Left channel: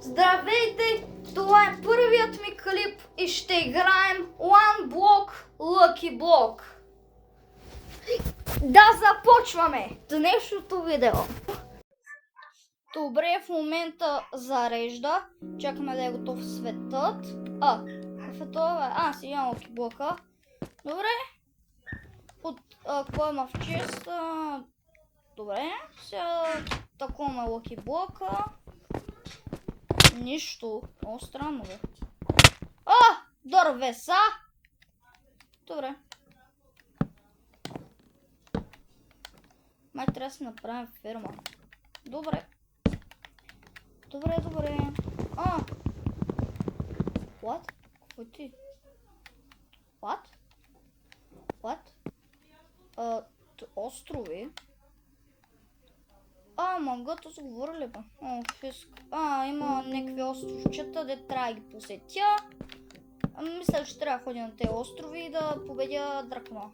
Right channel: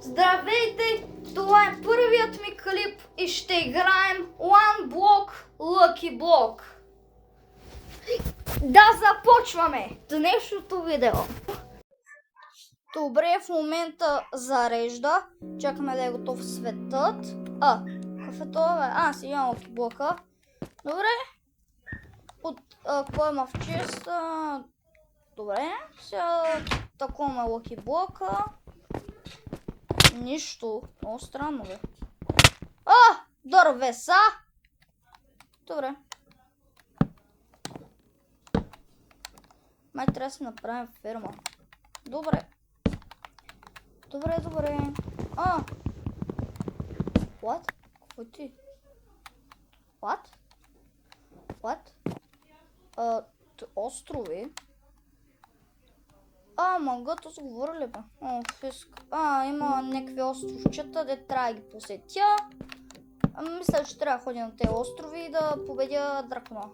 Здравейте! Това е първият ми клип и ще играем One Block Lucky Block. Да започваме днешното видео. Добре, в момента зарежда. Чакаме да е готов светът. Какъв е това? Сега имам Lucky Block. Добре. Какво има в честа? Добре. Сега такова Lucky Block. Нищо. Много странно, бе. Дървеса! Добре. Май трябва да си направим ферма. Добре. Добре. What? Какво ти? What? Острови? Магато са говорили, бе. Фиск. Има някакви островчета, де трябва да ги посетя. Мисля, че трябва да ходя на тези острови и да победя дракона.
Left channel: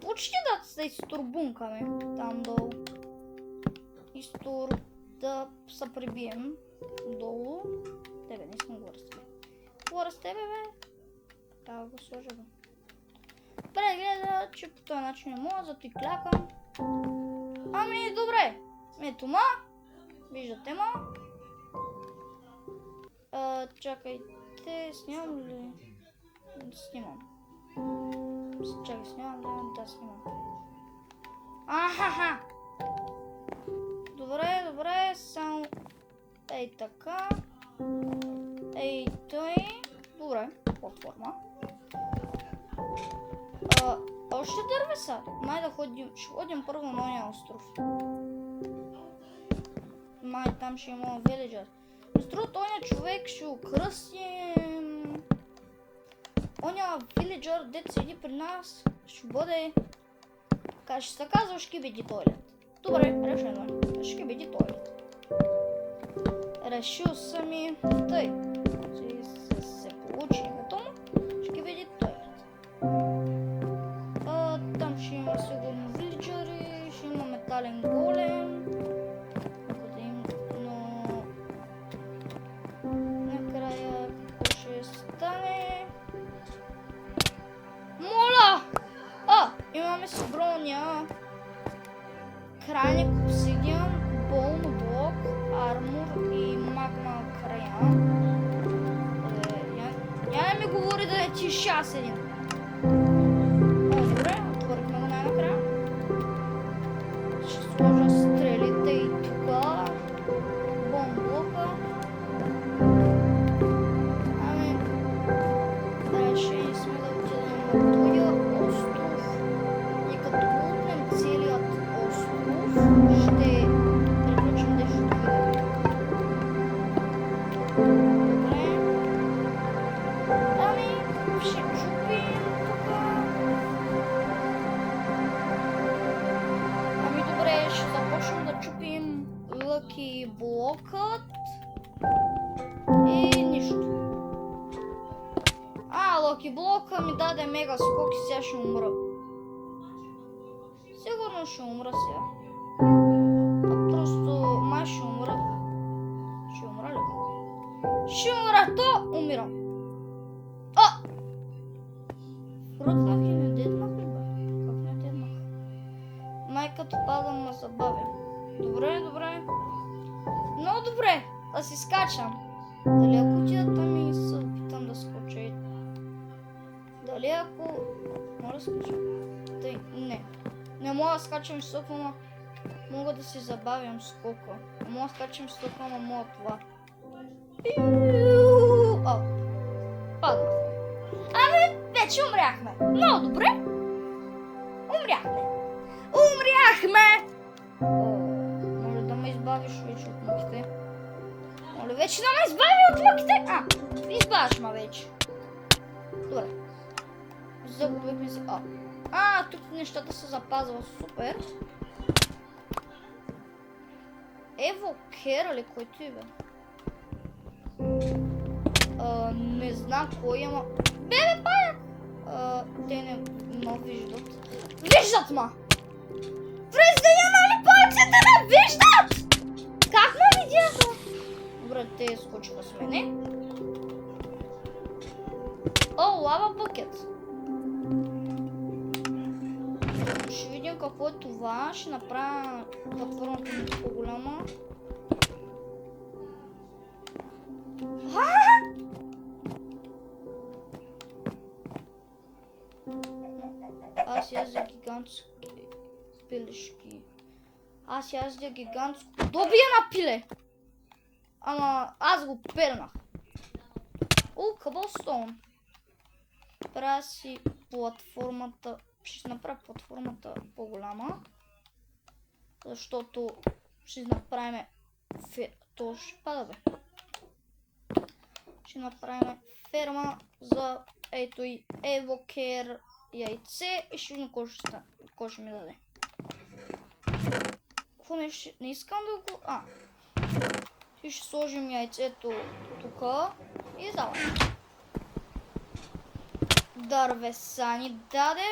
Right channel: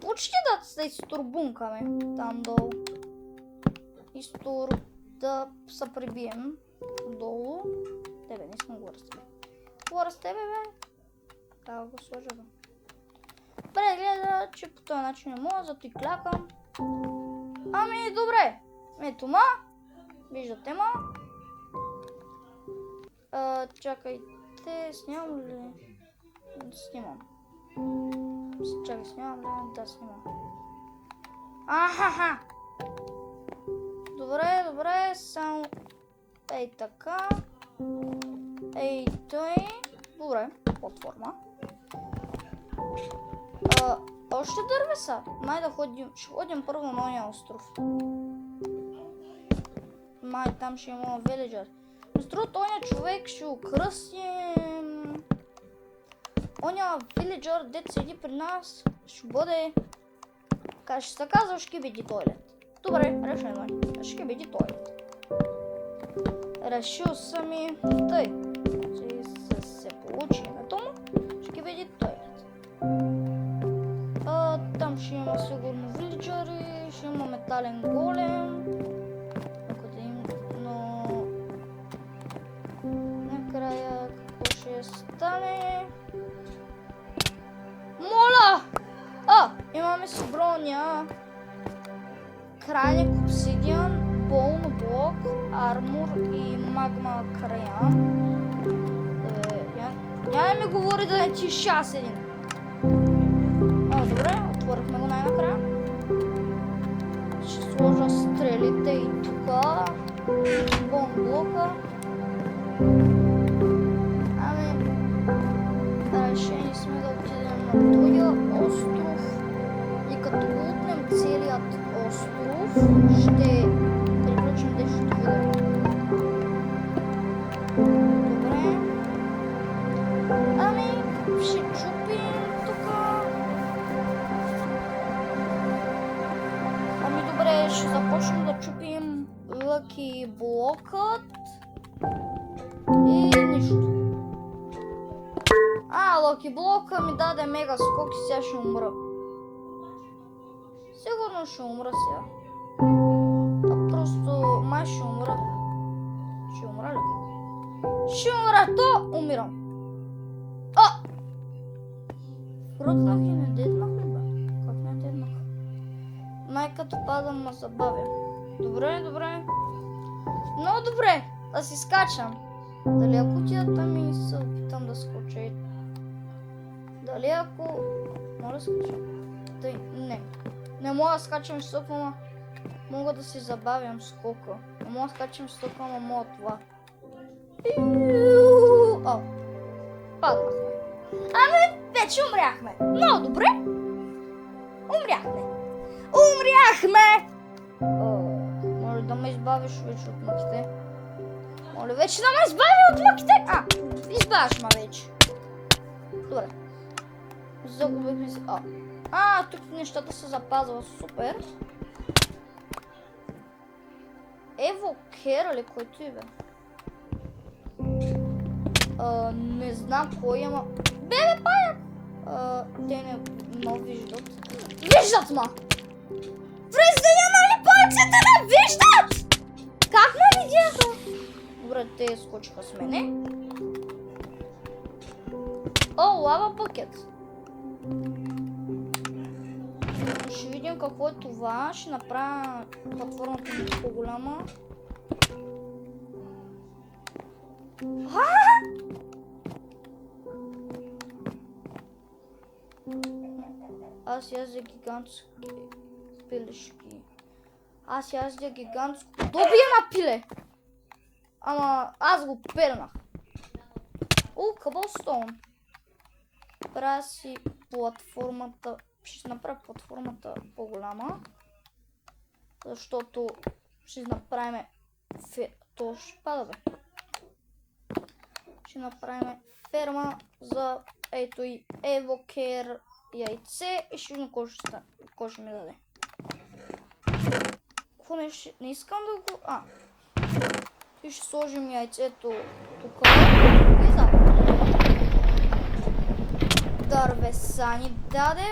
Почти да се изтурбункаме там долу. Да се прибием долу. Тебе, не искам горе с тебе. Горе с тебе, бе. Трябва да го сложа, бе. Прегледа, че по този начин не мога, зато и клякам. Добре. Ето ма. Виждате ма. Чакайте, снимам ли? Снимам. Чакай, снимам ли? Да, снимам. Добре, само... Ей така. Ей той. Добре, платформа. Още дървеса. Май да ходим. Ще ходим първо на ония остров. Май там ще има виледжър. Струва ония човек ще украсим. Ония виледжър, дет седи при нас, ще бъде... Ще се казва Шкибиди Тойлет. Добре, решено е. Шкибиди Тойлет. Решил съм и тъй. Се получи името му. Шкибиди Тойлет. Там ще има сигурно виледжъри, ще има метален голем. Но... Накрая какво ще стане? Моля! Имаме си броня. Крайник обсидиан, болно блок, армор и магма края. Я ми говори да не ти шас един. Добре, отворихме го най-накрая. Ще сложа стрелите и тука. Бон блока. Решени сме да отидем на този остров. И като лутнем целият остров, ще приключим днешното видео. Добре. Ще чупим тука. Добре, ще започнем да чупим Lucky блокът. И нищо. Lucky блока ми даде мега скок и сега ще умра. Сигурно ще умра сега. Просто май ще умра. Ще умра ли? Ще умра, то умирам. Ръкнах и не деднах ли, бе? Как не деднах? Май като падам ма забавя. Добре. Много добре, да си скачам. Дали ако отида там и се опитам да скоча? Дали ако... Мога да скачам? Не мога да скачам високо, но мога да си забавям скока. Не мога да скачам високо, но мога това. Паднахме. Вече умряхме. Много добре. Умряхме! Моля да ме избавиш вече от мъките. Моля вече да ме избави от мъките! Избавиш ме вече. Добре. Загубихме се. Тук нещата се запазва. Супер. Ево Кера ли? Кой ти бе? Не знам кой има. Бебе паяк! Те не виждат. Виждат ма! През деня, нали паяците не виждат? Как ме видяха? Добре, те скочиха с мене. О, лава букет. Ще видим какво е това. Ще направя платформата ми по-голяма. Аз яздя гигантски пилешки. Аз яздя гигантско... Добие на пиле! Ама аз го пернах. О, къбълстоун. Правя си платформата... Ще направя платформата по-голяма. Защото ще направим... То ще пада, бе. Ще направим ферма за ето и евокер яйце и ще видим кой ще ми даде. Какво не искам да го... И ще сложим яйцето тук и да. Дървеса ни даде.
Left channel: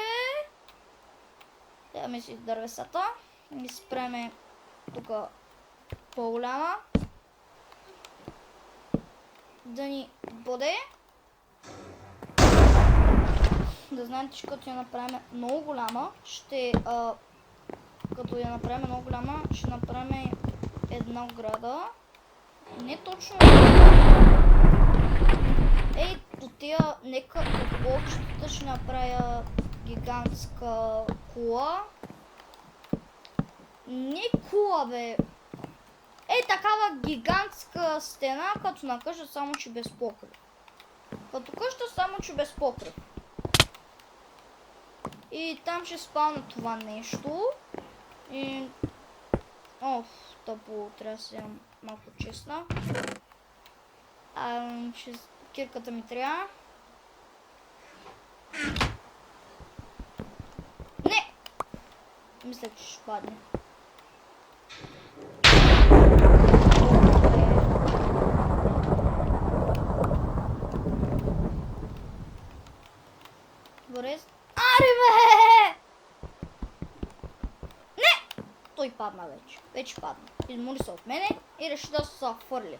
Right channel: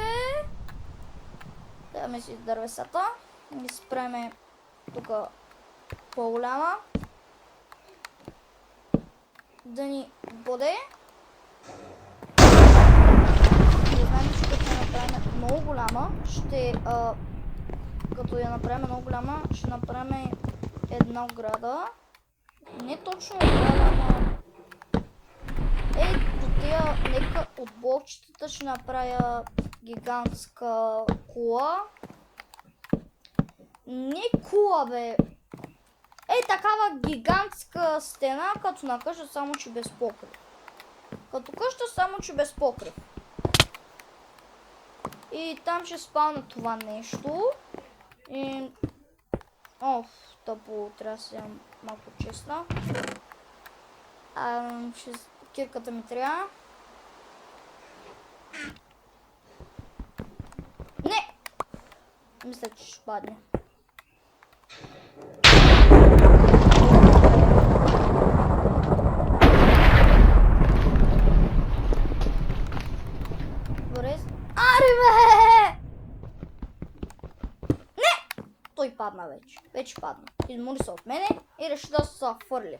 Даваме си дървесата. И спреме тук по-голяма. Да ни бъде. Не знам, че като я направим много голяма, като я направим много голяма, ще направим една ограда. Не точно. До тия нека от блокчетата ще направя гигантска кула. Не кула, бе. Такава гигантска стена, като на къща, само че без покрив. Като къща, само че без покрив. И там ще спална това нещо. И... тъпо, трябва да си малко честна. Кирката ми трябва. Не! Мисля, че ще падне. Аре, бе! Не! Той падна вече. Вече падна. Измори се от мене и реши да се фърли.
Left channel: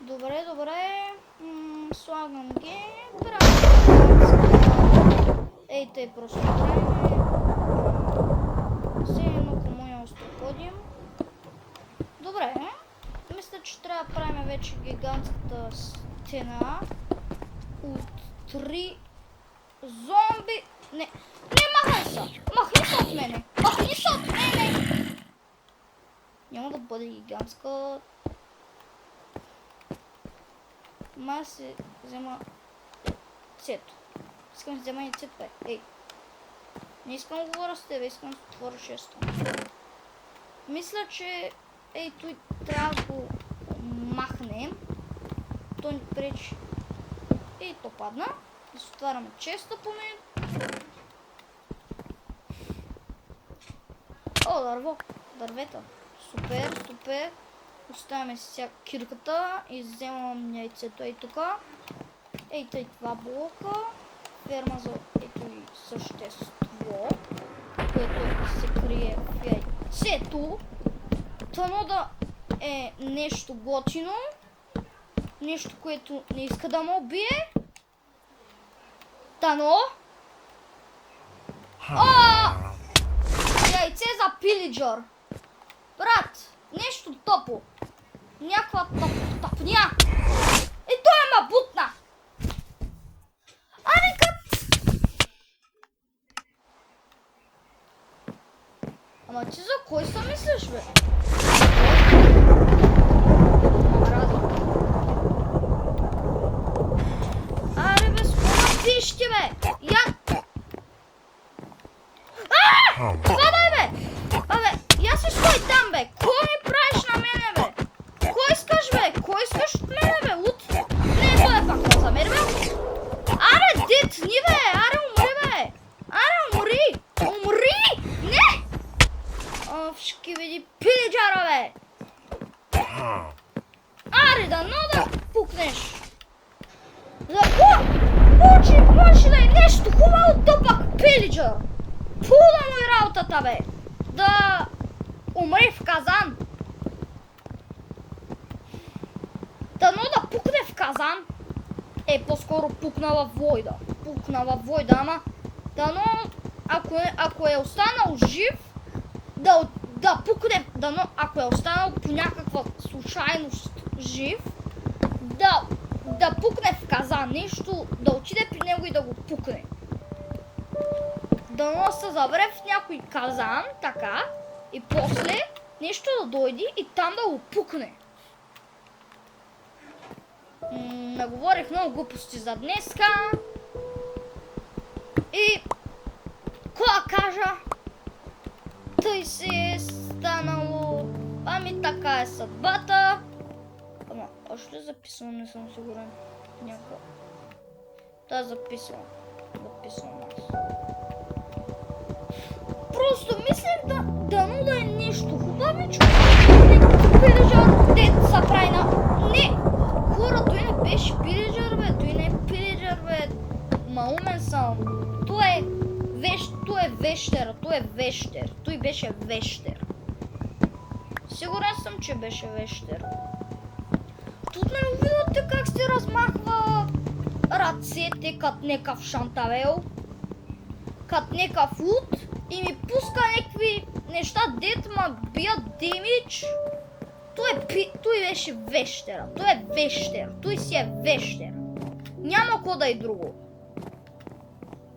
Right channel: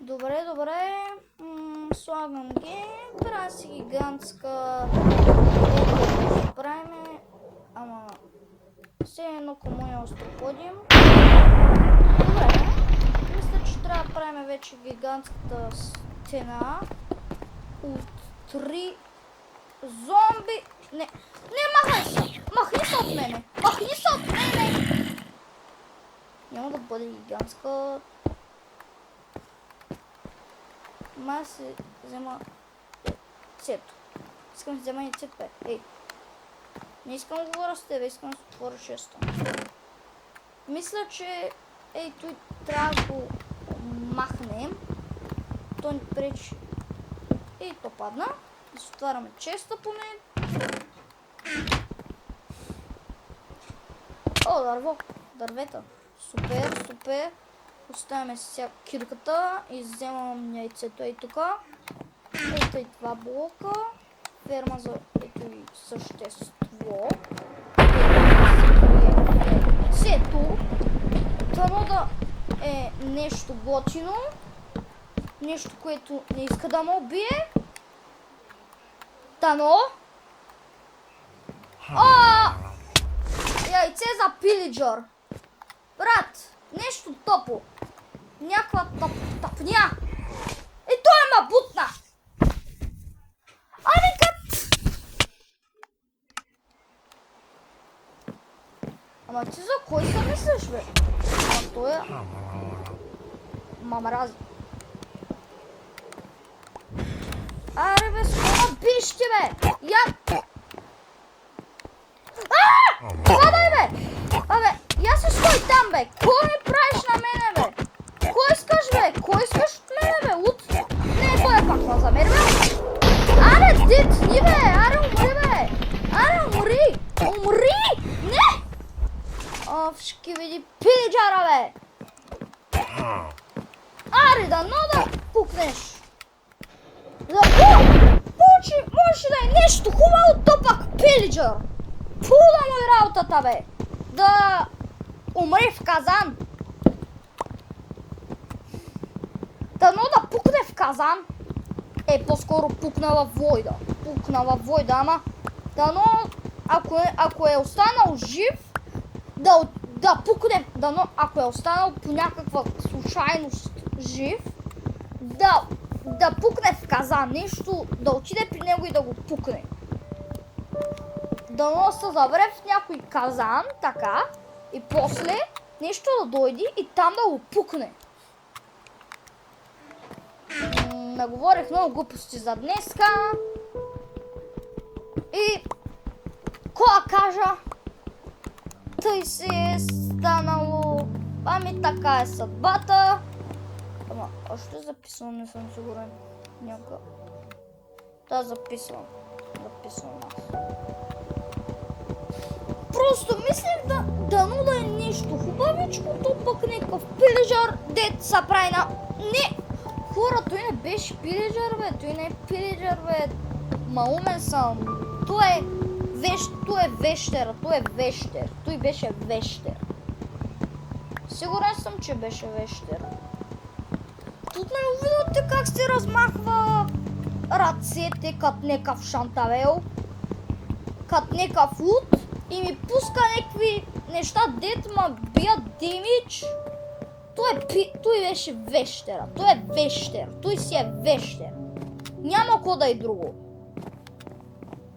Добре, добре. Слагам ги. Все едно по моя остров ходим. Добре. Мисля, че трябва да правим вече гигантската стена от 3 зомби. Не, махай се! Махни се от мене! Махни се от мене! Няма да бъде гигантска. Май се взема яйцето. Искам да взема яйцето, бе. Ей. Не искам да говоря с тебе, искам да отворя шесто. Мисля, че той трябва да го махнем. То ни пречи. То падна. Да се отваряме честа поне. Дърво. Дървета. Супер, супер. Оставяме си кирката и вземам яйцето и тук. Ето и това блока. Ферма за ето и същество. Сето. Тано да е нещо готино. Нещо, което не иска да ме убие. Тано. Яйце за пилиджър. Брат. Нещо топо. Някаква тъпня. Той ма бутна. Ама ти за кой се мислиш, бе? Мамараза. Аре, бе, скоро пиште, бе. Падай, бе. Я си стой там, бе. Кой ми правиш на мене, бе? Кой искаш, бе? Кой искаш от мене, бе? Не, той е пак за мен, бе. Аре, дит, ни, бе. Аре, умри, бе. Умри! Не! Овшки види пилиджара, бе! Аре, дано да пукнеш! Може да е нещо хубаво, то пак пилиджър! Пула му и работата, бе! Да умри в казан! Дано да пукне в казан! По-скоро пукна във войда. Пукна във войда, ама дано, ако е останал жив, да пукне, дано, ако е останал по някаква случайност жив, да пукне в казан, нещо, да отиде при него и да го пукне. Дано се завре в някой казан, така, и после нещо да дойде и там да го пукне. Наговорих много глупости за днеска. И кога кажа, тъй си е станало. Ами така е съдбата. Ама, още записвам, не съм сигурен. Някакъв. Да, записвам. Записвам аз. Просто мислех дано да е нещо хубавичко, някакъв пилиджър, дет са прави на... Не! Хора, той не беше пилиджър, бе, той не е пилиджър, бе. Ма умен съм. Той е вещер, той е вещер. Той беше вещер. Сигурен съм, че беше вещер. Тут не увидите как се размахва ръцете като някакъв шантавел, като някакъв луд и ми пуска някакви неща, дет ма бият демидж. Той беше вещера. Той е вещер. Той си е вещер. Няма ко да е друго.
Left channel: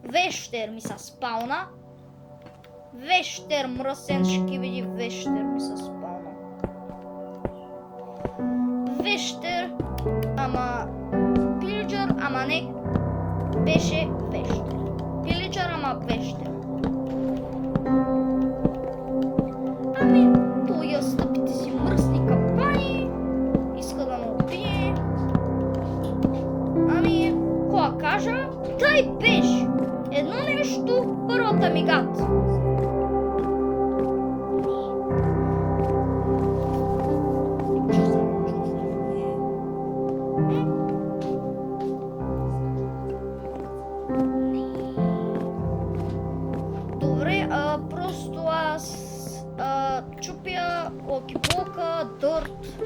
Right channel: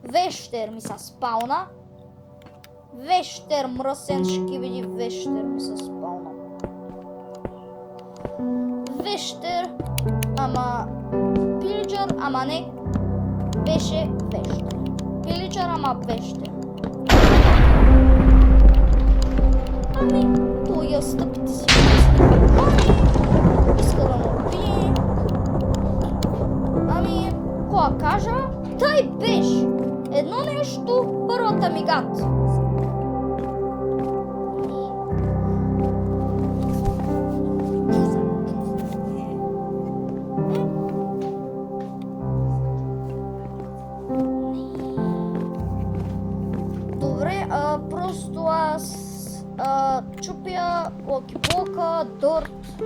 Вещер ми се спална. Вещер мръсен шкивиди. Вещер ми се спална. Вещер, ама пилиджър, ама не беше вещер. Пилиджър, ама вещер. Ами, той я стъпите си. Иска да му убие. Ами, кога кажа, тъй беше. Едно нещо, първата мигат. Добре, просто аз чупя локи-блока, дърт.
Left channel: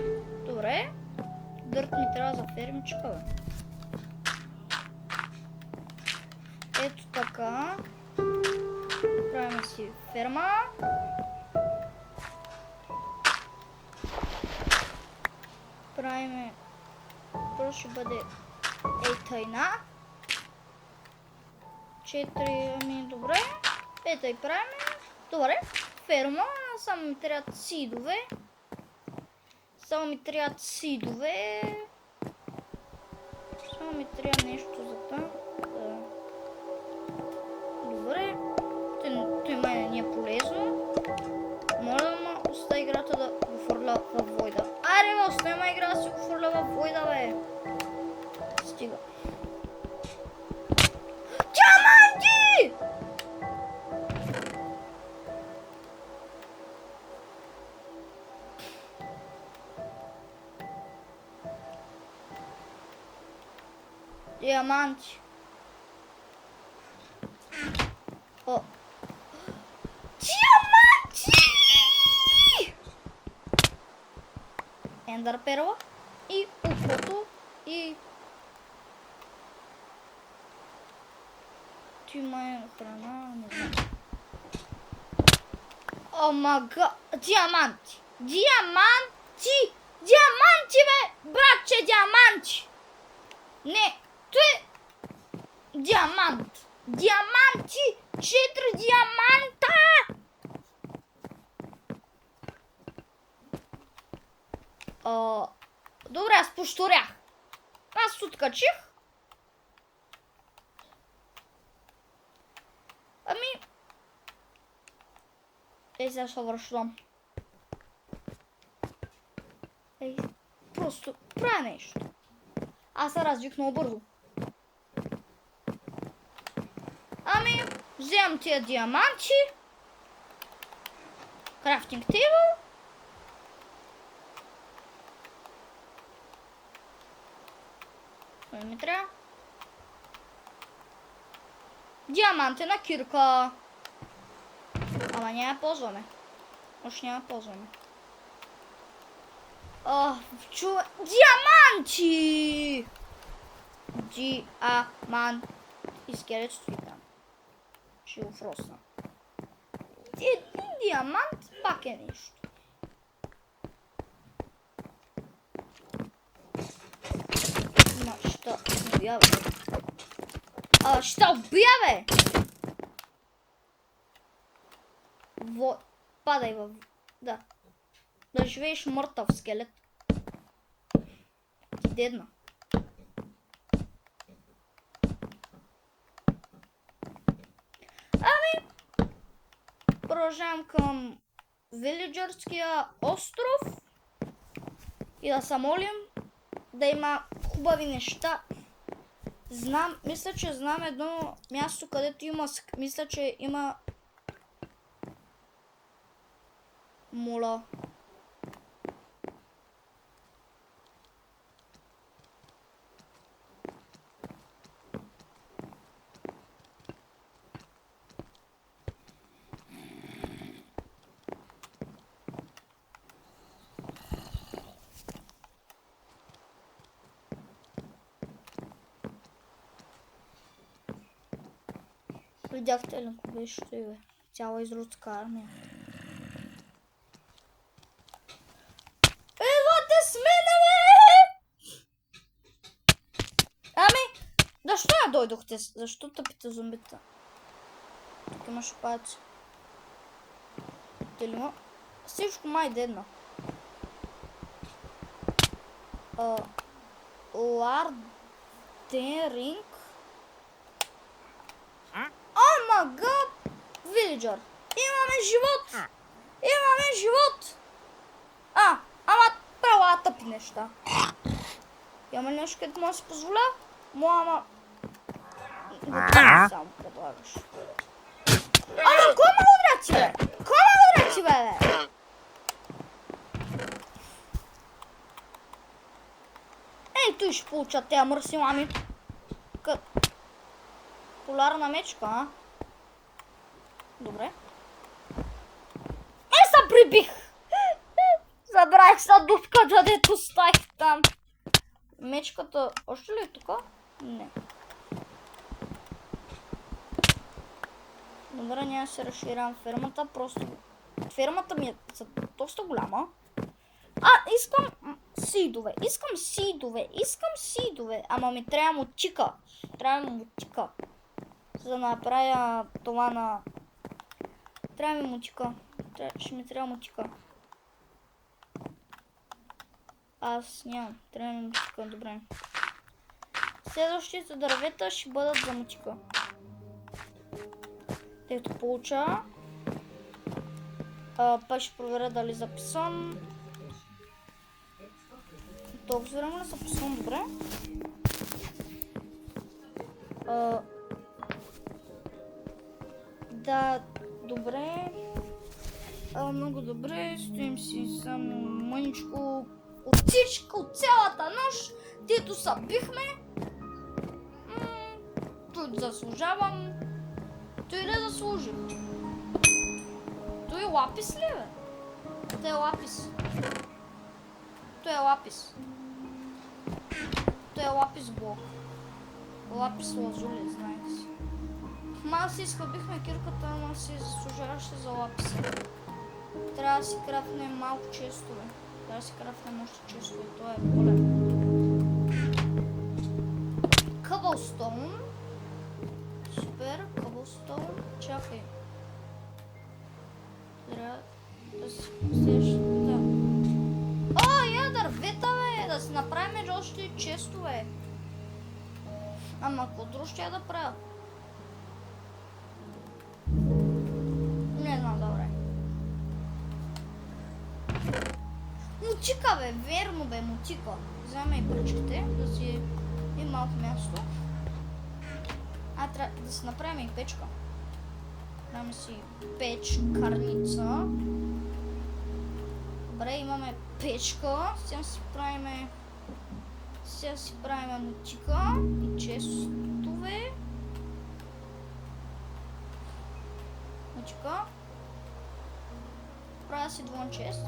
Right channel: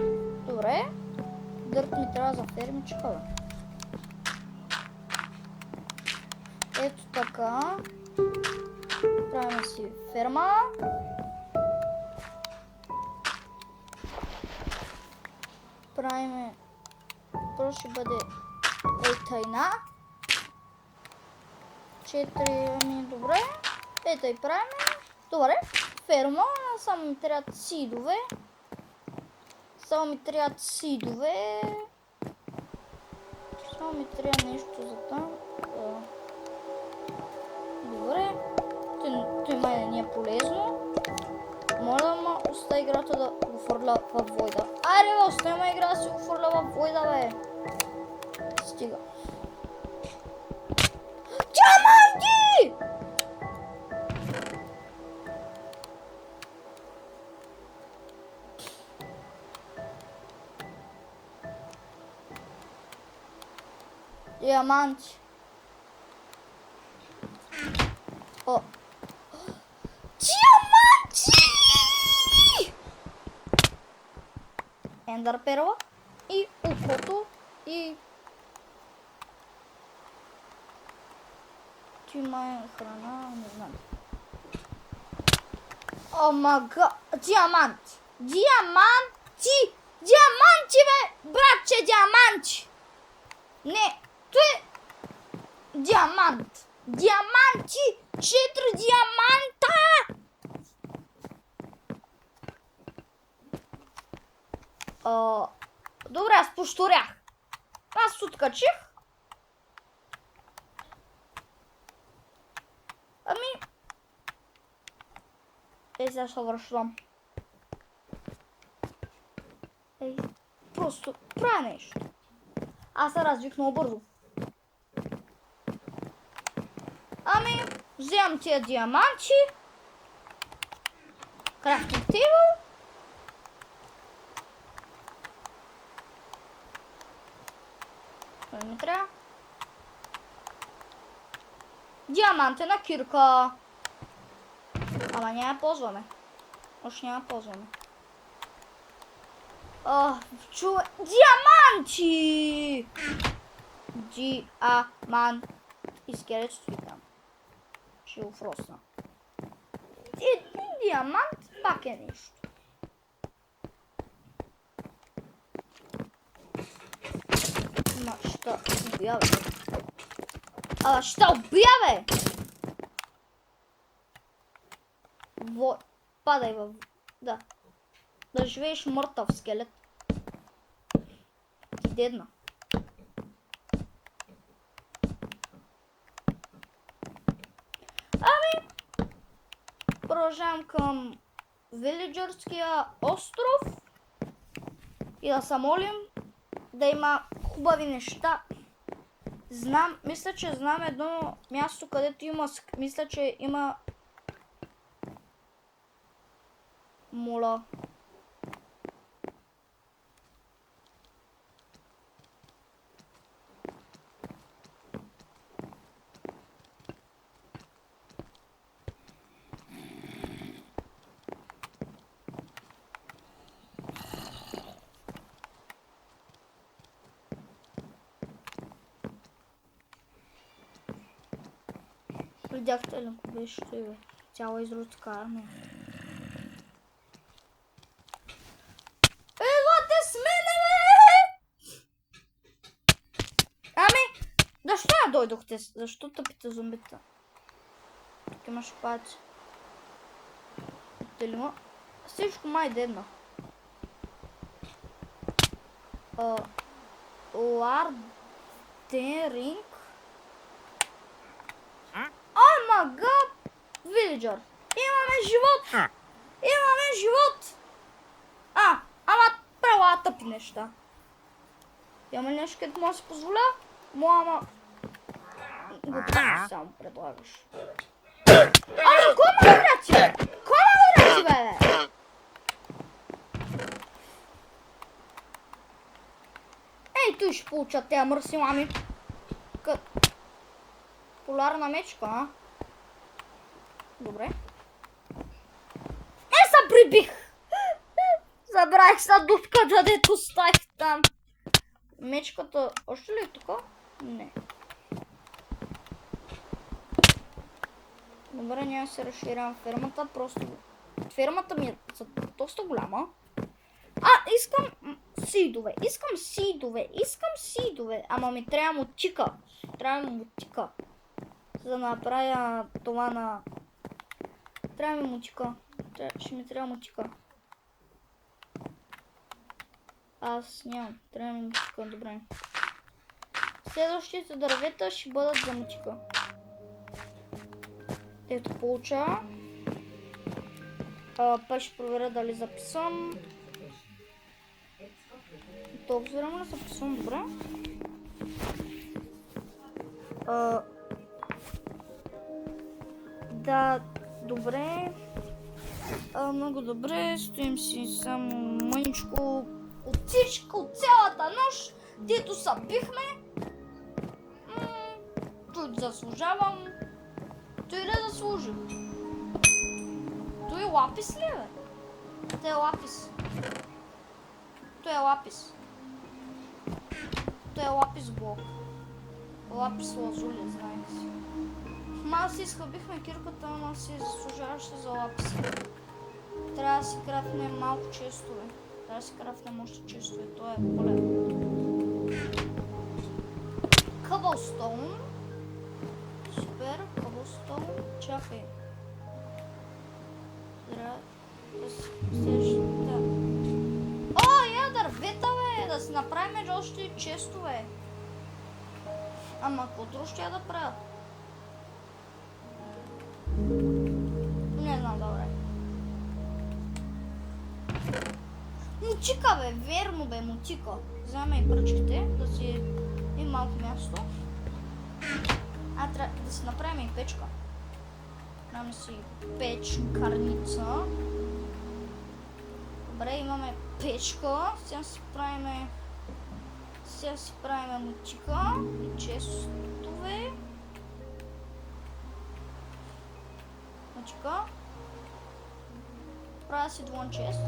Добре. Дърт ми трябва за фермичка, бе. Ето така. Правим си ферма. Правиме... То ще бъде тайна. 4, ами добре. Ето и правиме. Добре. Ферма. Само ми трябват сидове. Само ми трябват сидове. Само ми трябва нещо за там. Да. Добре. Той май не е полезно. Моля да ма остави играта да го фърля във войда. Айде бе, остави ма игра да си го фърля във войда, бе. Стига. Диаманти! Диаманти. О. Диаманти! Ендър перла и ухото и... Ти май храна, не знам. О мага... Диаманти! Диаманти! Диаманти, бе! Братче, диаманти! Не, той е... Диамант! Диаманти! 4 диаманта! Добре, аз пошторях. Аз откачих. Ами... Сега се връщам. Просто правя нещо. Аз се развих много бързо. Ами, Вземам тия диаманти. Крафтинг тейбъл. Кой ми трябва? Диамантена кирка. Ама няма ползваме. Още няма ползваме. Чува... Диаманти! Диамант. Изкелет ствикам. Ще го фросна. Един диамант пак е нищо. Ма, ще убия, бе. Ще убия, бе! Падай във... Да. Да живееш мъртъв скелет. Дедна. Ами... Продължавам към Вилиджърския остров. И да се молим да има хубави неща. Мисля, че знам едно място, където има... Мисля, че има... Мола. Видяхте ли, ако беше бе? Цяла изродска армия. Елате с мене, бе! Ами, защо не дойдохте? Защо тъпите зомбита? Тук имаш паци. Телема. Всичко май дедна. Лардеринг. О май гад! Вилиджър. Имаме живот! Имаме живот! Ама права тъпи неща. Има нещо, където може да се позволя? Ама... Готово само предлагаш. Кой ме врати, бе? Кой ме врати, бе? Ей, той ще получат тези мърси мами. Полярна мечка, а? Добре. Се прибих! Забравих са дупката, дето ставих там. Мечката още ли е тук? Не. Добре, няма се разширявам фермата, просто... Фермата ми е доста голяма. Искам сидове, искам сидове, ама ми трябва мотика. За да направя това на... Трябва ми мотика. Ще ми трябва мотика. Аз нямам. Трябва ми мотика, добре. Следващите дървета ще бъдат за мотика. Ето получа. Пак ще проверя дали записвам. Толкова време ли записвам, добре. Да, добре. Много добре. Стоим си само мъничко от цялата нощ, дето се бихме. Той заслужавам. Той ли заслужи? Той лапис ли, бе? Той е лапис. Той е лапис блок. Лапис лазули, знаете си. Ма си изхъбихме кирката, ама си заслужаваше за лапис. Трябва да си крафнем малко честове. Трябва да си крафнем още честове. Това е болен. Къбълстоун. Супер, къбълстоун. Чакай. Трябва да си следващата. Дървета, бе! Да си направим още и честове. Ама какво друго ще я да правя? Не знам, добре. Мотика, бе! Верно, бе, мотика. Вземем и пръчките, да си и малко място. Трябва да си направим и печка. Имаме си печкарница. Добре, имаме печка. Сега си правиме мутика и честове. Мутика. Правя си двон чест.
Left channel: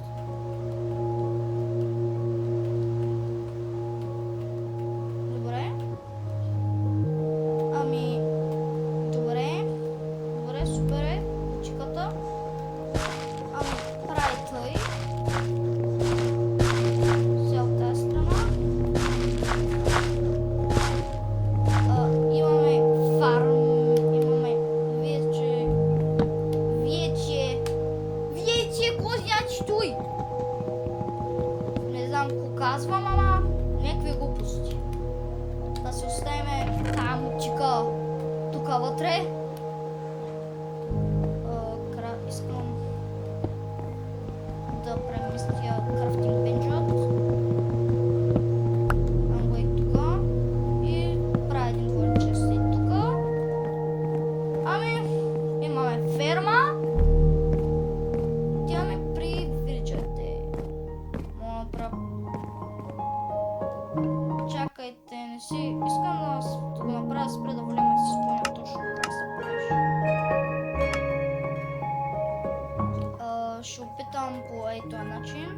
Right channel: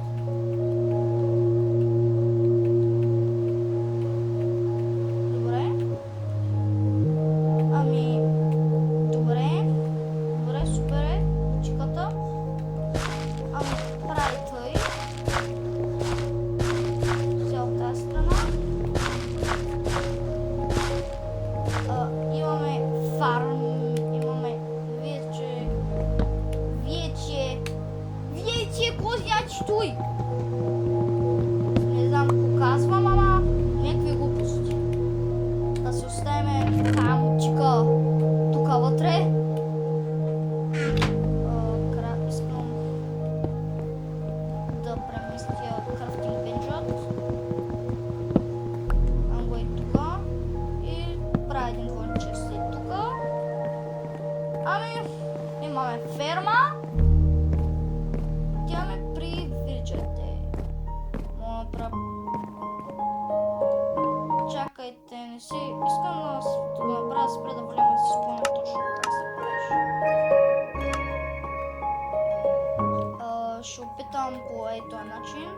Ще опитам по този начин.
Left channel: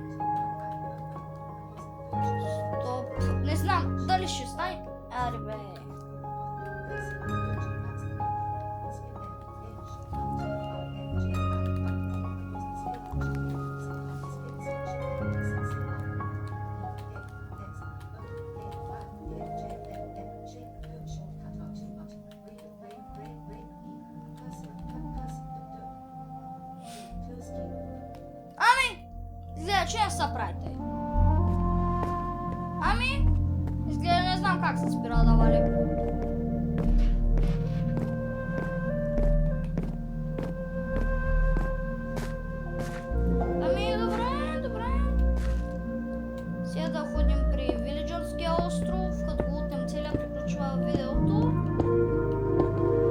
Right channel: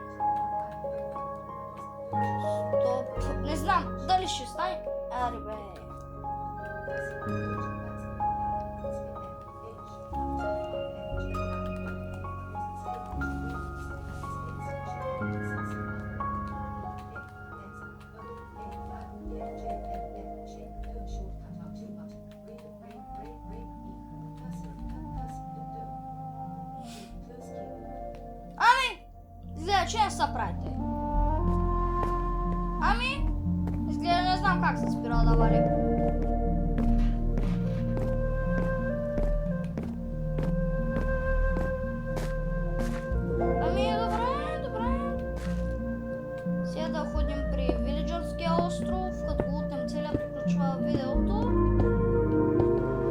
Стоп. Не знам дали ще стане. Аре бе. Изгледа, че не са правите. Изгледа, не знам как се спира да вали. Добре. Сега да ходим при Вилиджърския остров, като лутнем целия, приключва видеото.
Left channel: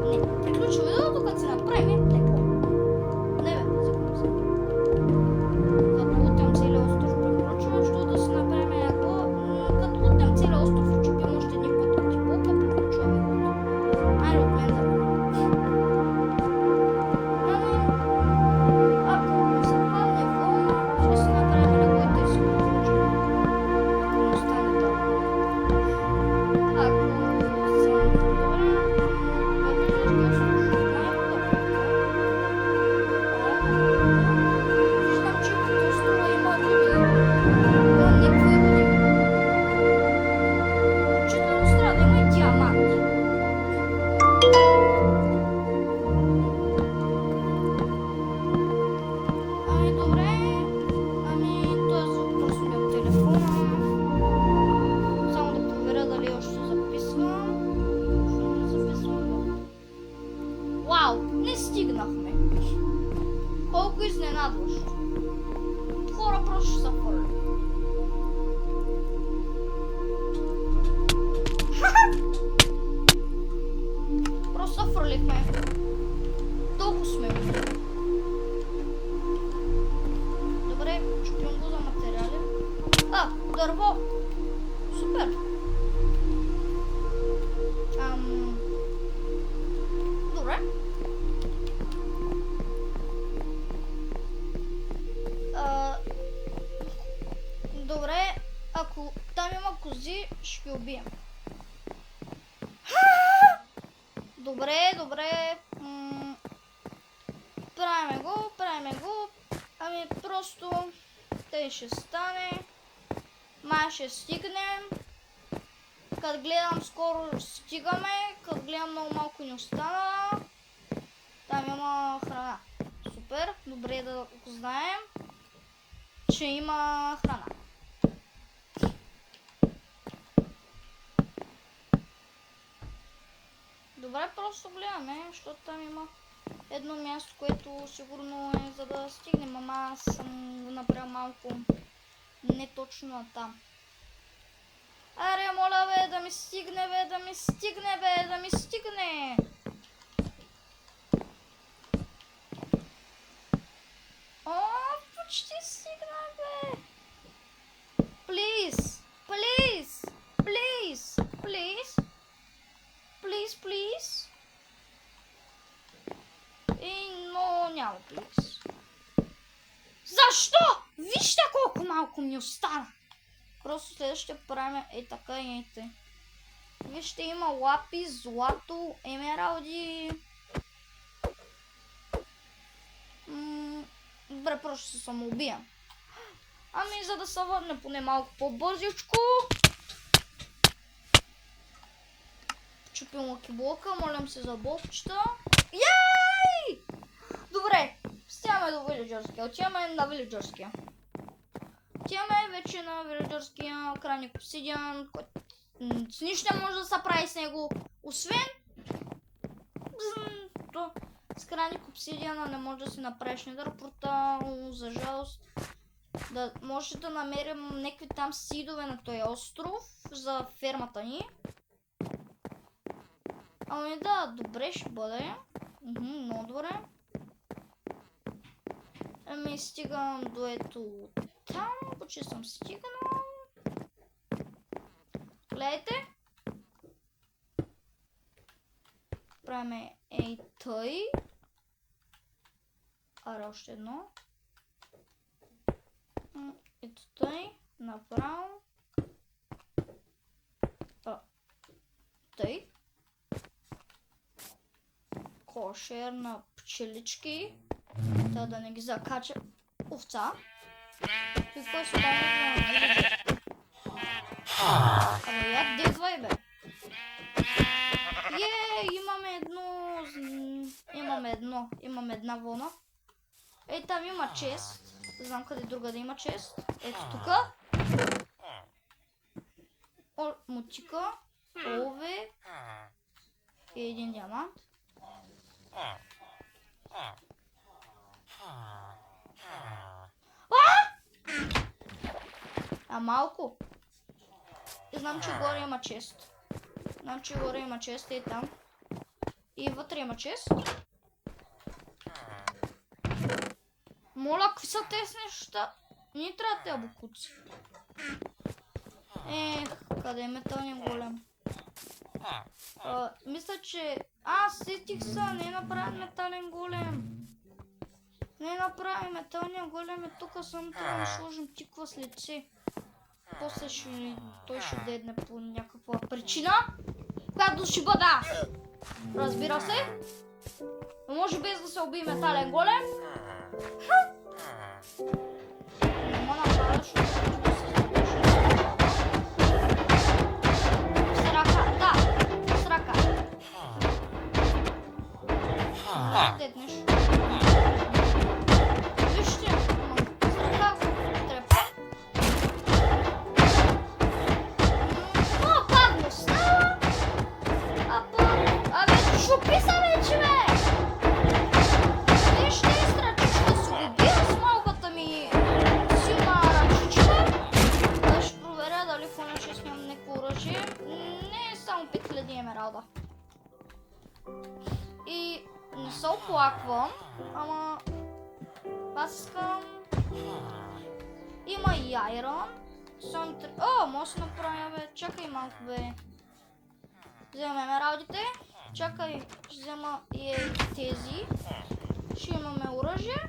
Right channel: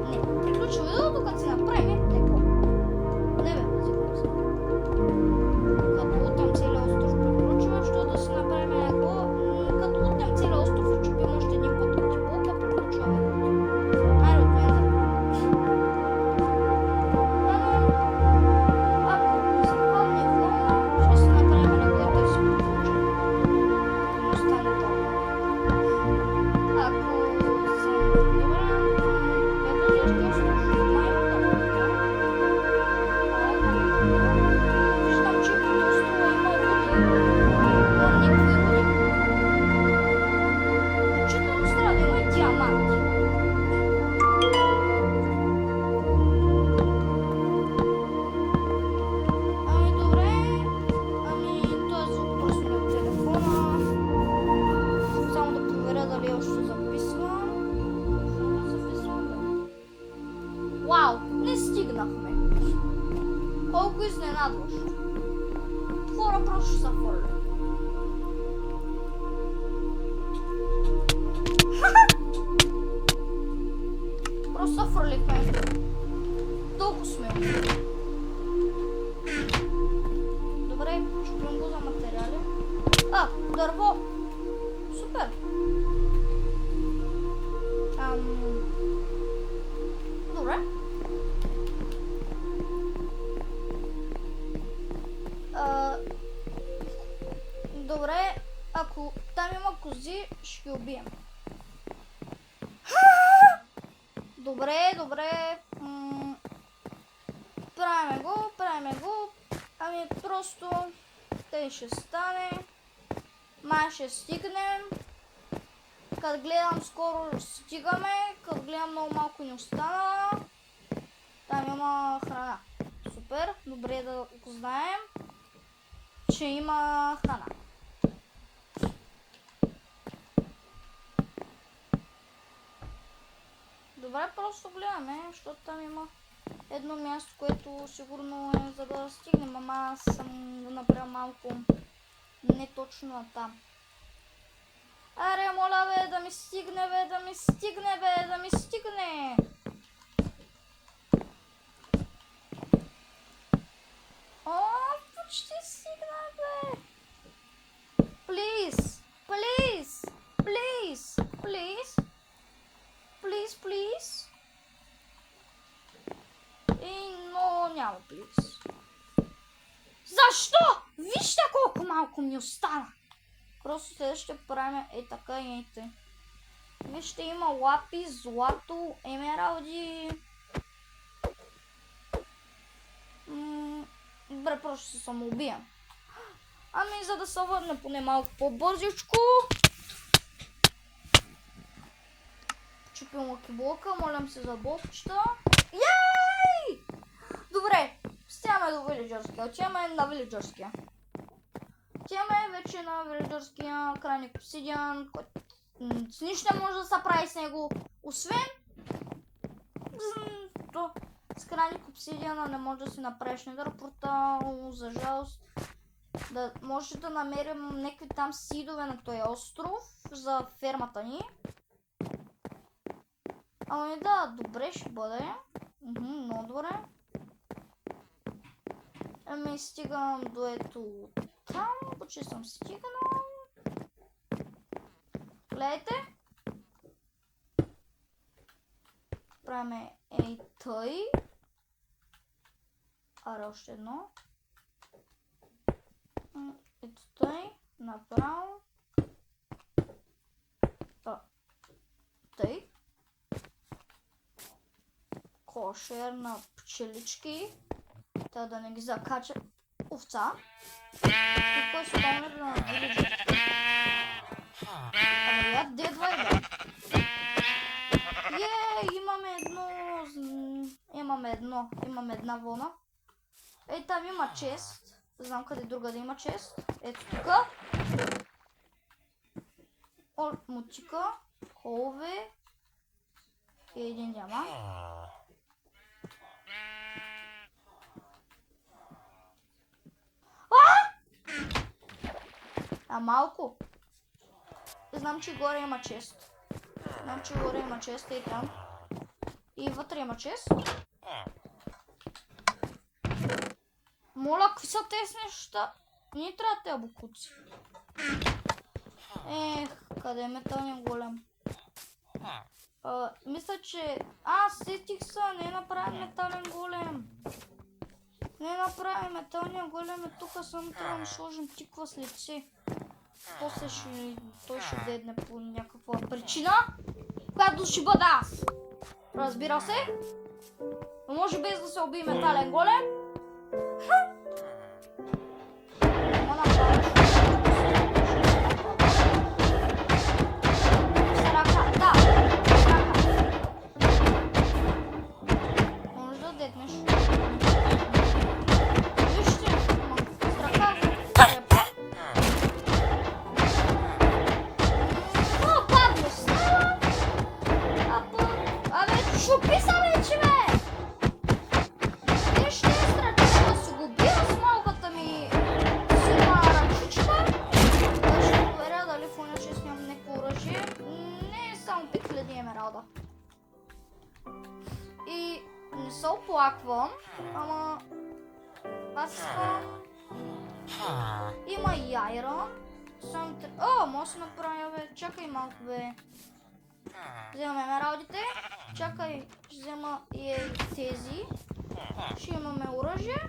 Не, приключва видеото, като се направим теко. Не бе, загубим се. Вау, не стигнахме. Колко изненадващо. Хора просто ще са хвърли. Просто са хвърлихме. Толкова сме. Добре, чупим го за материали. Дърво. Супер. Добре. Добре, ако там има кози, ще ги убием. Добре. Правиме го. Просто тъй ще стане. Май ще стигнем. Като гледам скоро стигаме. Като гледам много малко ни остана. Там има храна. Супер, добре да го знаем, че има храна. Добре, просто гледаме, защото там има едно място, което сигурно е за да стигнем, ама аз съм го направил малко не точно на там. Аре, моля бе, да ми стигне. почти стигнах, бе. Please, please, please, please, please, please. Но няма please. Защо? Вижте колко малко ми остана. Просто следващия правим така и ейте. Вижте, има лапи, злато, емералди. Добре, просто се самоубиям. Ами, за да се върне поне малко по-бързичко. Чупим лакиблока, молям се за блокчета. Яй! Добре, стигаме до вилиджърския. Отиваме на вилиджърския. Отиваме вече на вилиджърския крайник обсидиан, който с нищо не може да се прави с него, освен с крайник обсидиана не може да си направиш недър портал, за жалост. Да може да намерим някакви там сидове на този остров за фермата ни. Ами да, добре ще бъде. Много добре. Ами стигам до ето там, почти съм стигнал. Гледайте. Правим ей тъй. Аре още едно. Ето тъй. Направо. Тъй. Кошер на пчелички. Та да не ги закача овца. Какво е стана да вилиджърски? Ами я дедвай, бе. Имаме една вълна. Ей, там има чест. Не знам къде друга да има чест. Ето тука. Мутика. Олове. И един диамант. Малко. Знам, че горе има чест. И там. И вътре има чест. Моля, какви са тези неща? Не трябва тези букуци. Къде е металния голем? Мисля, че... сетих се, не направим метален голем. Металния голем е тук, само трябва да сложим тиква с лице. После той ще дедне по някаква причина, която ще бъда. Разбира се. Но може без да се убие метален голем. И не се оплаквам, ама аз искам... Има и айрон. Може да се направя, бе. Чакай малко, бе. Вземаме емералдите. Чакай, ще взема и тези. Ще имаме оръжие.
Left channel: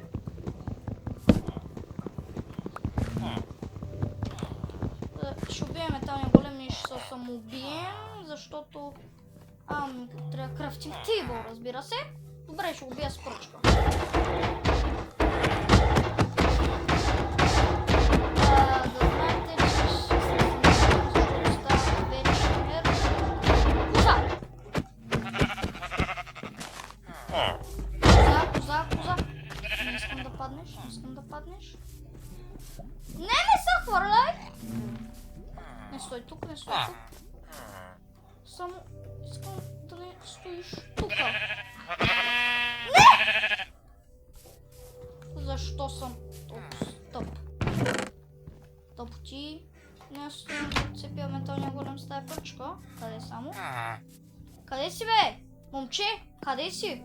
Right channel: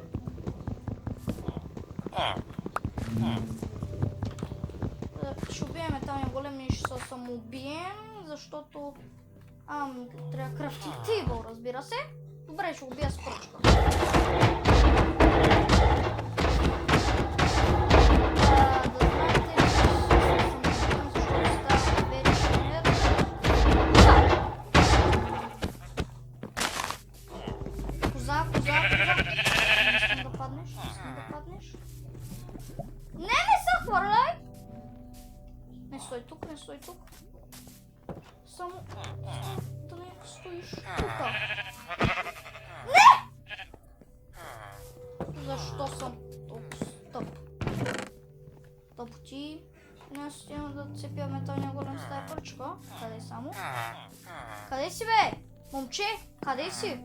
Ще убием металния голем и ще се самоубием, защото... трябва крафтинг тейбъл, разбира се. Добре, ще убия с пръчка. Искам да паднеш. Не се хвърляй! Не стой тук. Само искам да не стоиш тука. Не! Защо съм толкова тъп? Тъпоти. Не стоим да цепя металния голем с тая пръчка. Къде само? Къде си, бе? Момче, къде си?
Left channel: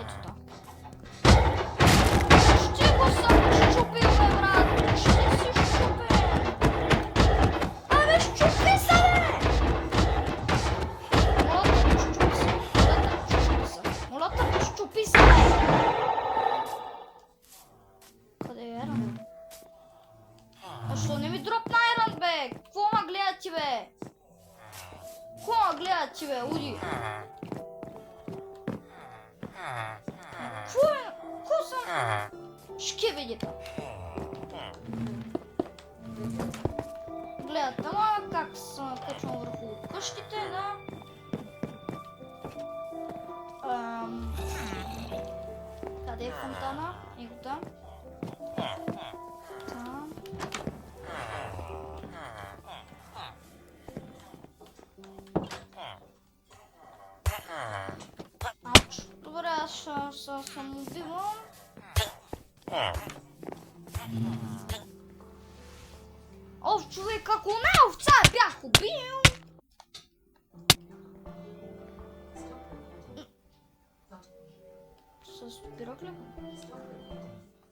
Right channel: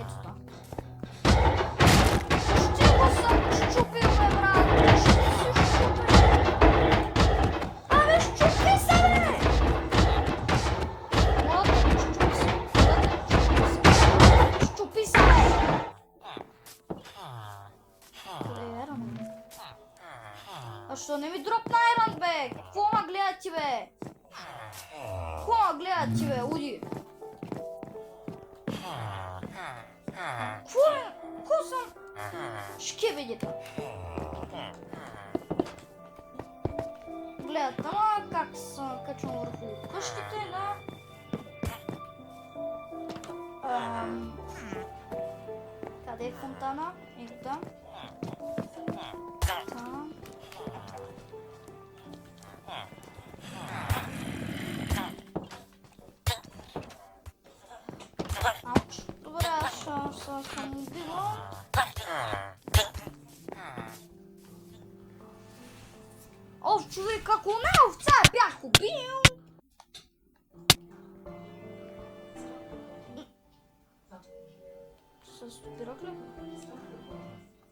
Ето та. Ще го съм бе? Какво ма гледат ти, бе? Какво ма гледат ти, бе? Уди. Какво съм? Шкебедите. Гледат, ама как съм качвам върху къщите, да? Къде е фонтана? Ето там. Там. Ауч. Добре, аз ще съм убивал. Ов, човек, ако не овца бях убил! Се стопирах ли?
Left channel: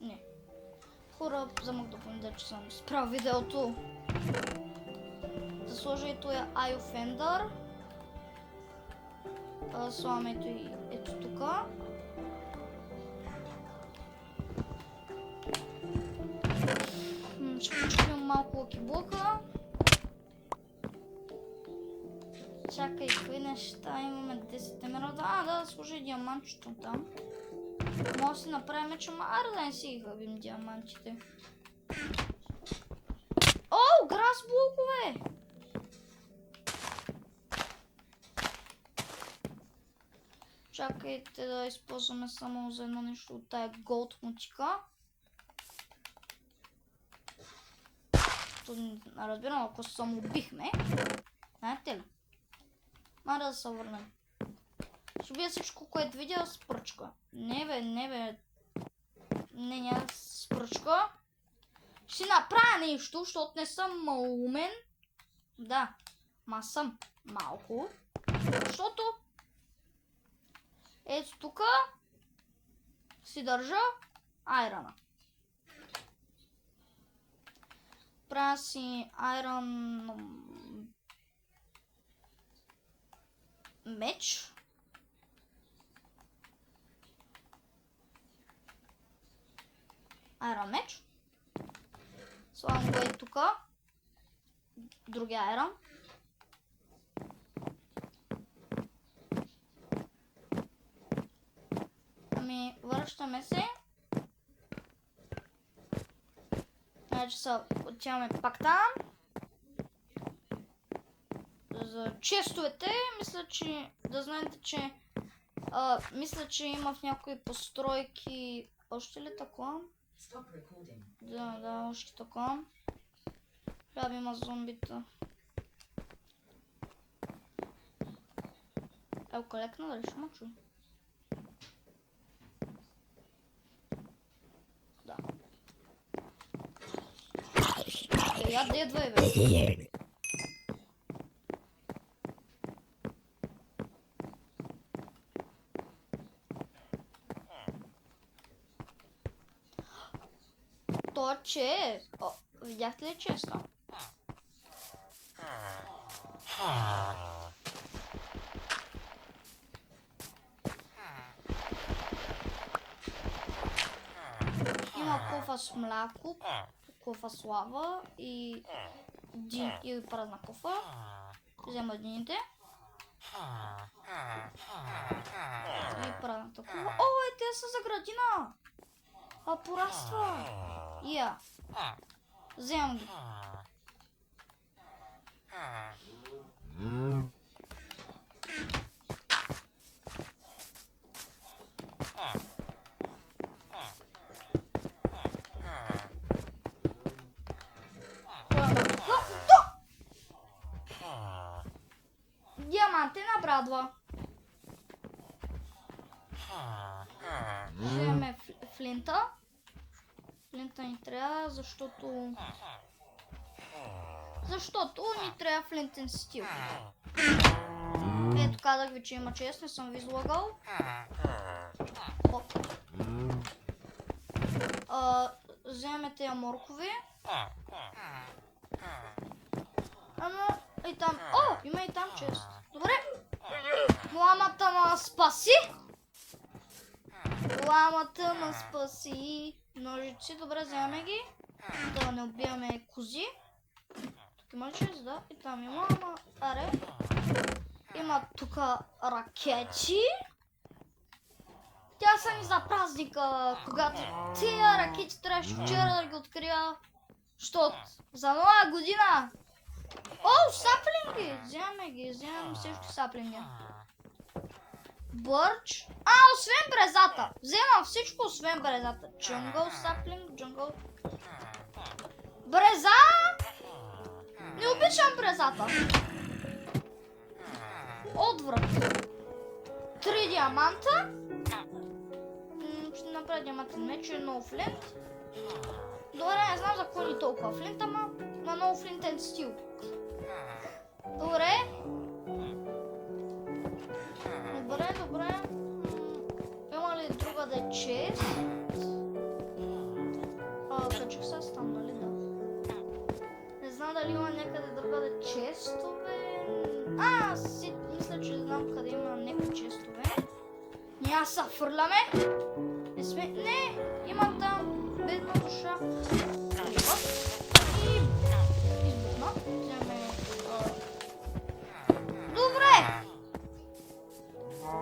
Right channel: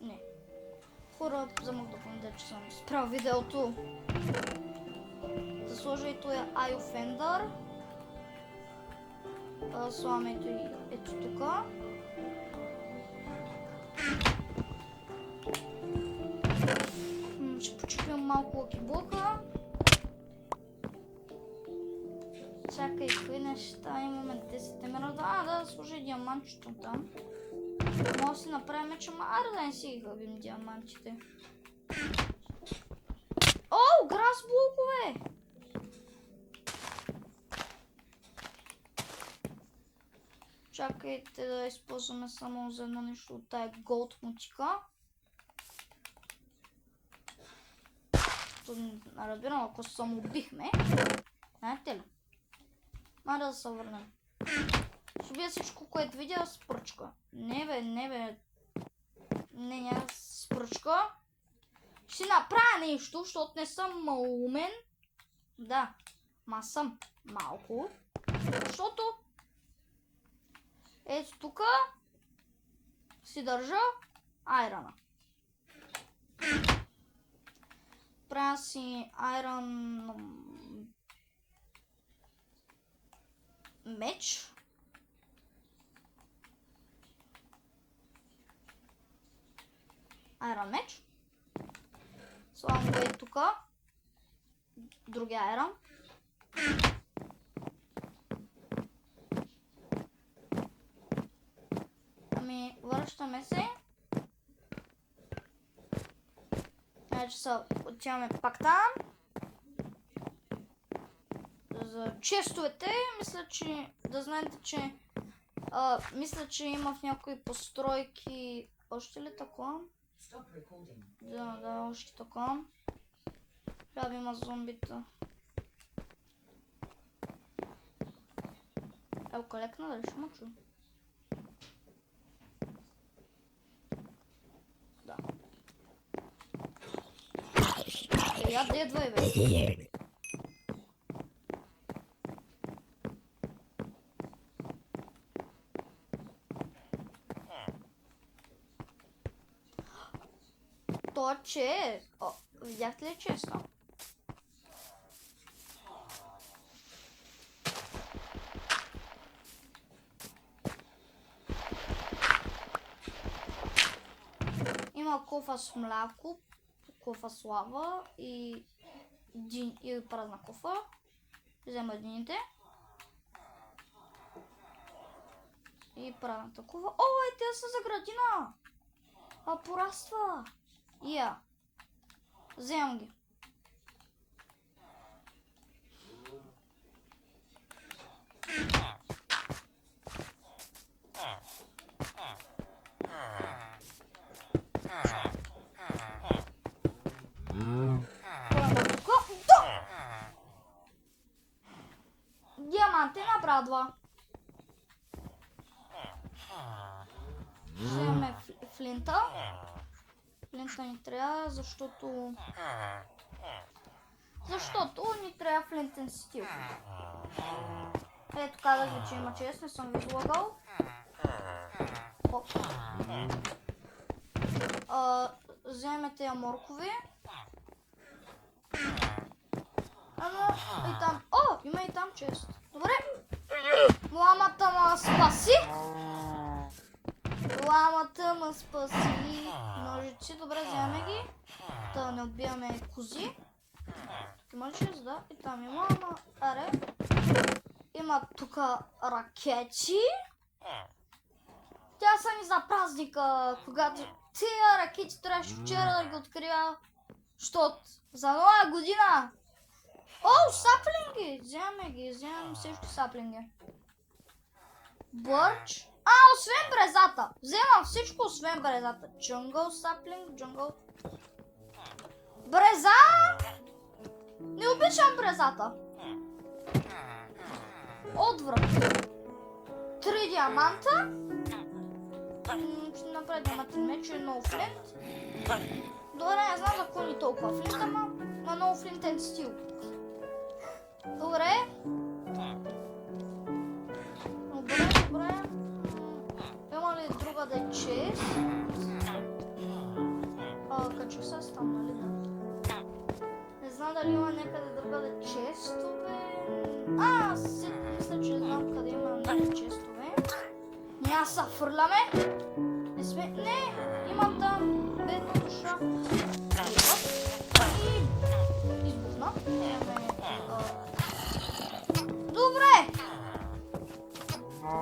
Не. Хора, замък да помня, че съм спрял видеото. Да сложа и този Eye Offender. Слагам ето тука. Ще почекам малко лъкиблока. Чакай, какви неща имаме 10 минута. Да сложи диамантчето там. Може да си направим меч, ама аре да не си ги хъбим диамантите. О, грас блокове! Чакайте да използваме само за едно нещо от тая голд мутика. Разбирам, ако се самоубихме. Знаете ли? Мара да се върнем. Ще убия всичко, което видя с пръчка. Не бе. Не, няма с пръчка. Ще си направя нещо, защото не съм умен. Да, ма съм малко. Защото ето тука си държа айрона. Правя си айрон меч. Айрон меч. Слагам го и тука. Другия айрон. Ами, връщаме се. Значи отиваме пак там. За честовете, мисля, че да знаете, че мисля, че има в някои постройки. Още ли такова? Да, още такова. Трябва да има зомбита. Елка лекна, дали ще ме чуе? Да. Я дедвай, бе. То че? О, видяхте ли честно? Има кофа с мляко, кофа с лава и празна кофа. Взема едините. И празната кофа. О, те са за градина! Пораства! Вземам ги. Диамантен обрадва. Вземем флинта. Флинта ни трябва, защото ни трябва флинтен стил. Ето, казах ви, че има чест, не съм ви излагал. Вземете я моркови. И там. О, има и там чест. Добре. Ламата ма спаси. Ламата ма спаси. Ножици, добре, вземем ги. Да не убиваме кози. Тук има звезда и там има аре. Има тук ракети. Тя са ни за празника, когато тия ракети трябваше вчера да ги открия, защото за нова година. О, саплинги! Вземам също саплинги. Бърч. Освен брезата. Вземам всичко, освен брезата. Джунгъл, саплинг, джунгъл. Бреза! Не обичам брезата. Отврат. 3 диаманта. Ще направя диамантен меч и много флинт. Добре, не знам за кой ни толкова флинт, ама много флинтен стил. Добре. Има ли друга да е чест? Качих се там, нали да? Не знам дали има някъде друга да е честове. Мисля, че знам къде има някакви честове. Няма се фърляме. Не, има там бедна душа. И избухна.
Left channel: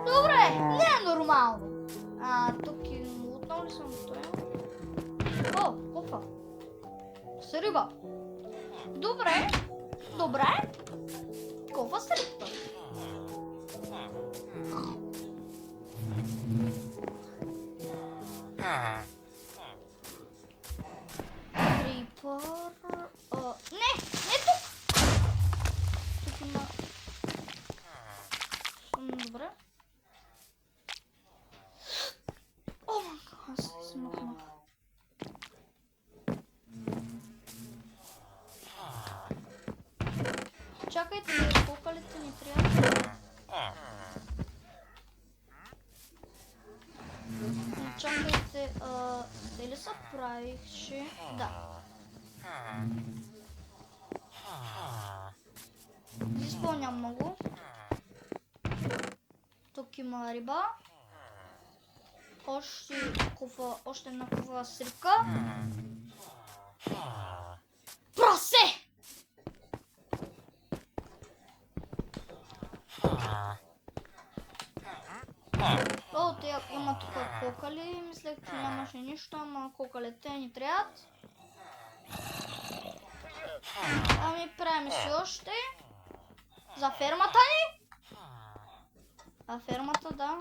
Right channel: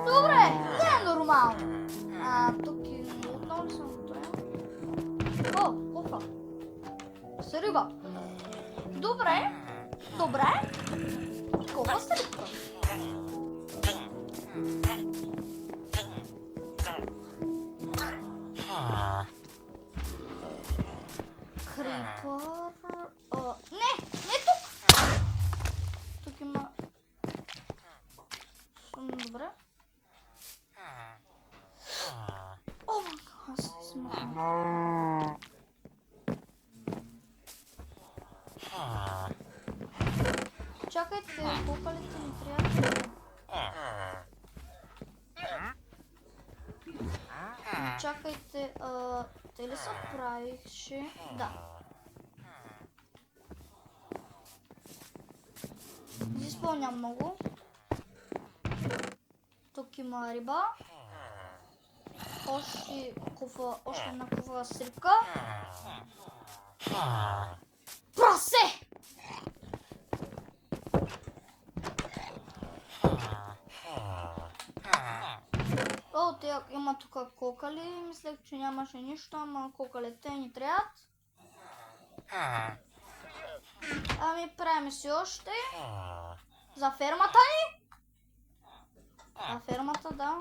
Добре, не е нормално. Тук отново ли съм готовен? Кофа. С риба. Добре. Кофа с рибка. Крипър. Не тук. Тук има... Добре. Аз се смахам. Чакайте, кукалите ни трябва. Чакайте, те ли се правихше? Да. Не изпълням много. Тук има риба. Още една кофа с рибка. Прасе! Те има тук кокали. Мислех, че нямаше нищо, ама кокалите ни трябват. Правим си още. За фермата ни. За фермата, да.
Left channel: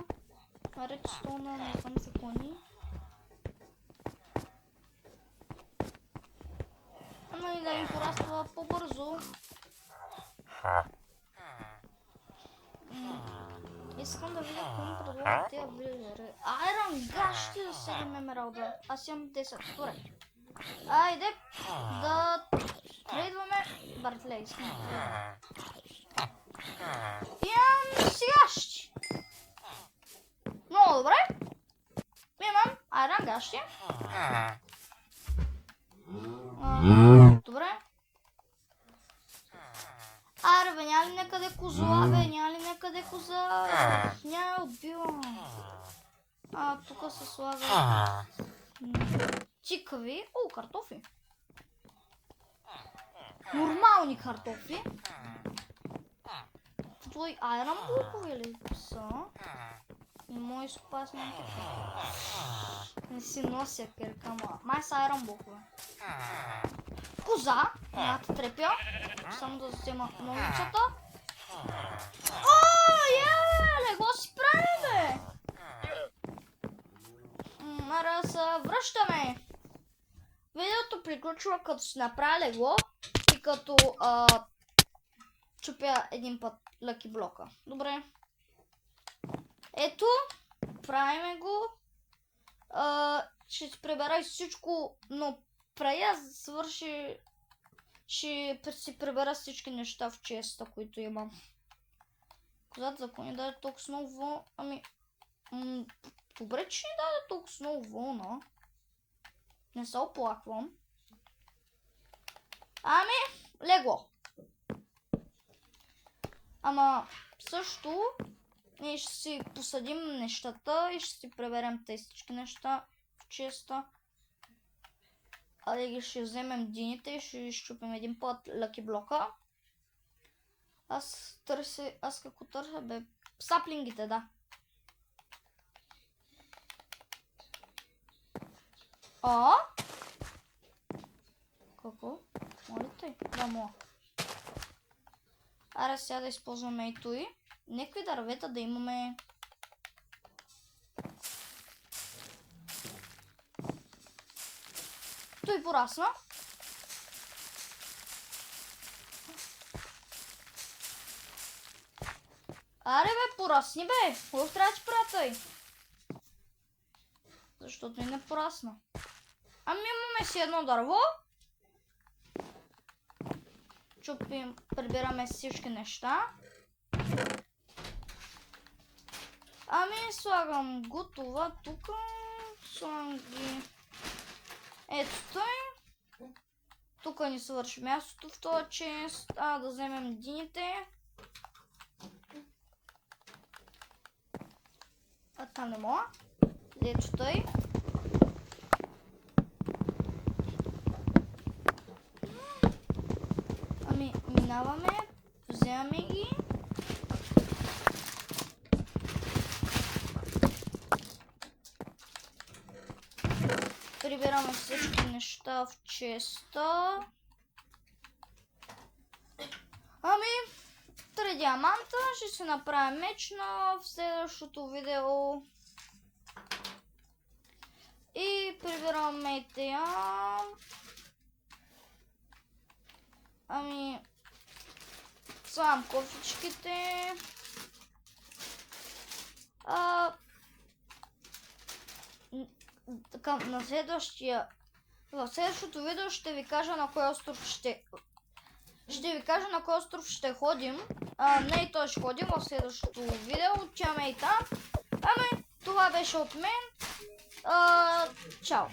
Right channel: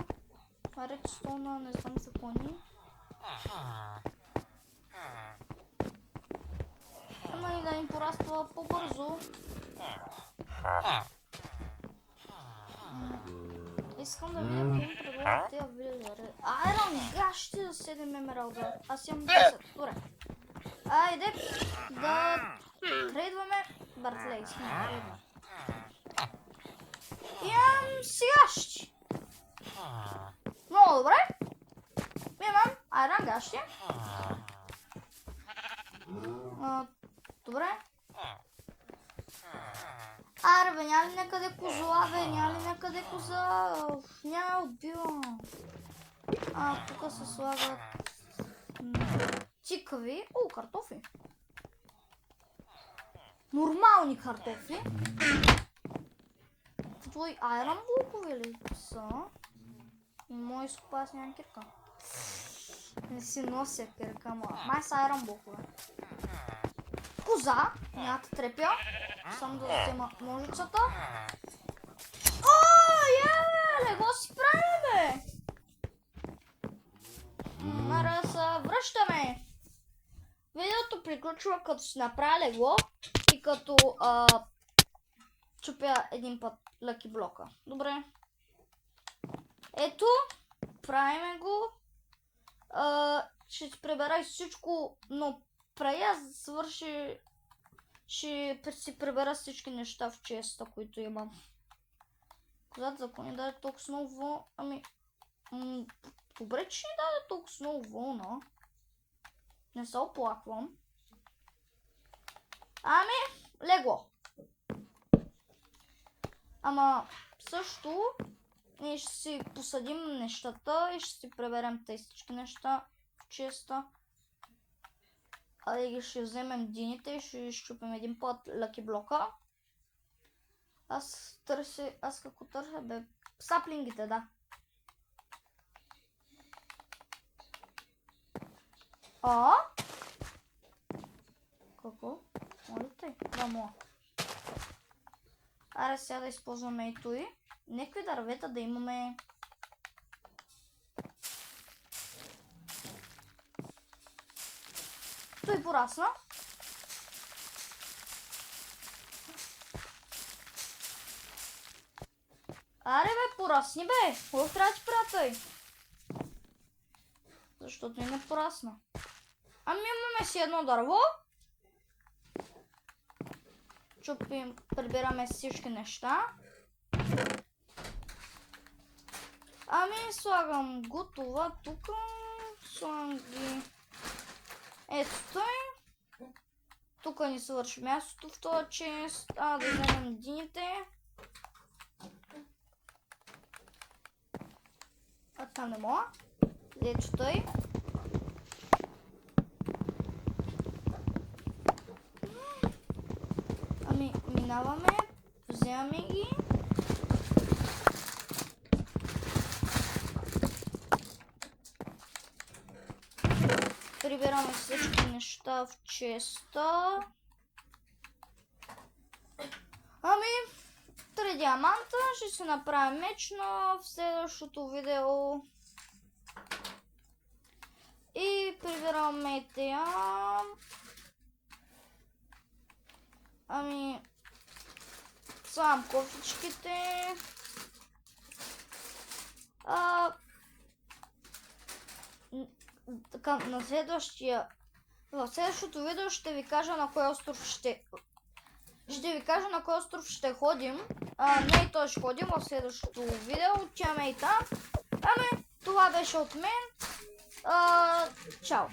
Редстоуна, не знам за кони. Ама и да им пораства по-бързо. Искам да видя кой им предлага тия вилизари. Айрон гащи за 7 емералда. Аз имам 10. Добре. Айде да трейдваме Бартлей. Имам сегащи. Много добре. Имам айрон гащи. Добре. Аре, бе, няма ли някъде козла, бе, няма ли някъде коза? Няма, убивам. Тук се слага цикави. Картофи. Нормални картофи. Твои айрон блокове ли са? И мои спасни така. Не си нося перка, май са айрон блокове. Коза, едната трепя. Само да взема новицата. Лего си прави, бе! Мара се връщаме. Видеото приключва като си направя легло и като чупя един път лъки блока. Добре. Ето, правиме го. Ще си прибера всичко, но преди да свърши, ще си прибера всички неща в честа, които имам. Козата за кони даде толкова много вълна. Добре, че ни даде толкова много вълна. Не се оплаквам. Легло. Ама също ние ще си посадим нещата и ще си приберем тези всички неща в честа. Айде ще вземем дините и ще изчупим един път лъки блока. Аз какво търся, бе? Саплингите, да. Какво? Моля те? Да, мога. Аре сега да използваме и той. Некви дървета да имаме. Той порасна. Аре бе, порасни бе! Какво трябва да правя той? Защото и не порасна. Ами имаме си едно дърво. Чупим, прибираме всички неща. Ами слагам готова тук. Слагам ги. Ето той. Тук ни свърши мястото в този чест. Да вземем дините. Там не мога. Ето той. Ами минаваме. Вземаме ги. Прибираме всички неща в честа. Ами, 3 диаманта. Ще се направим меч в следващото видео. И прибираме и тея. Ами, слагам кофичките. Така, в следващото видео ще ви кажа на кой остров ще ходим. Не и той ще ходим в следващото видео. Отиваме и там. Ами, това беше от мен. Чао!